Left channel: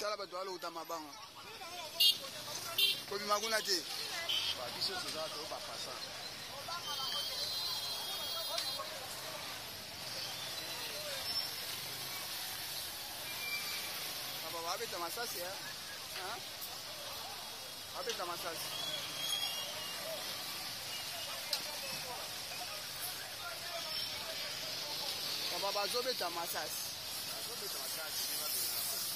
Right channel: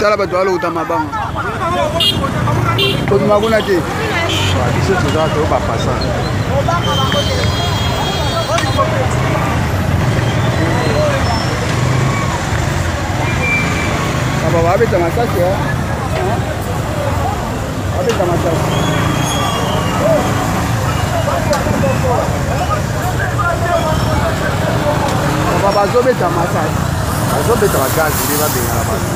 Tala bato baluta mabanga. Kozi makuna te. Biso toza to ba passant. Aba babeta masasi ya. Babeta masasi. Aba bazobeta masasi. Bazobeta bagazi ndi babengana bantu.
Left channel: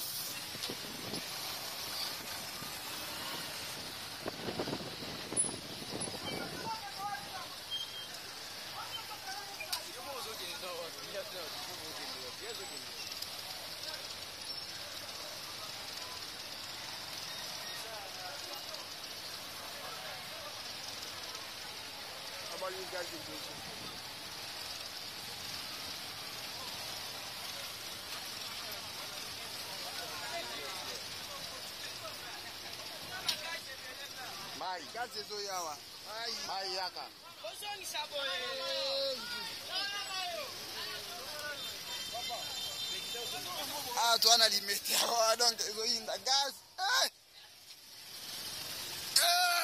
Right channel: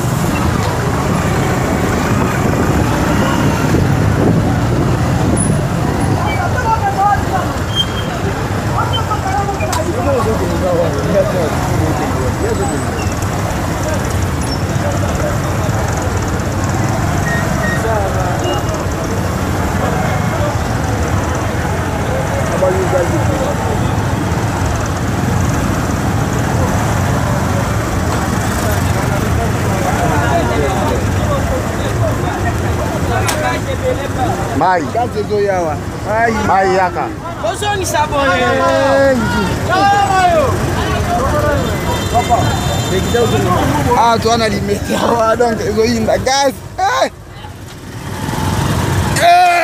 Mai. Kaze zo yawa. Ai. Mai yaka. Bozoni sabone. Ah, tu ana limete awa donc zo yinda gas. Eh.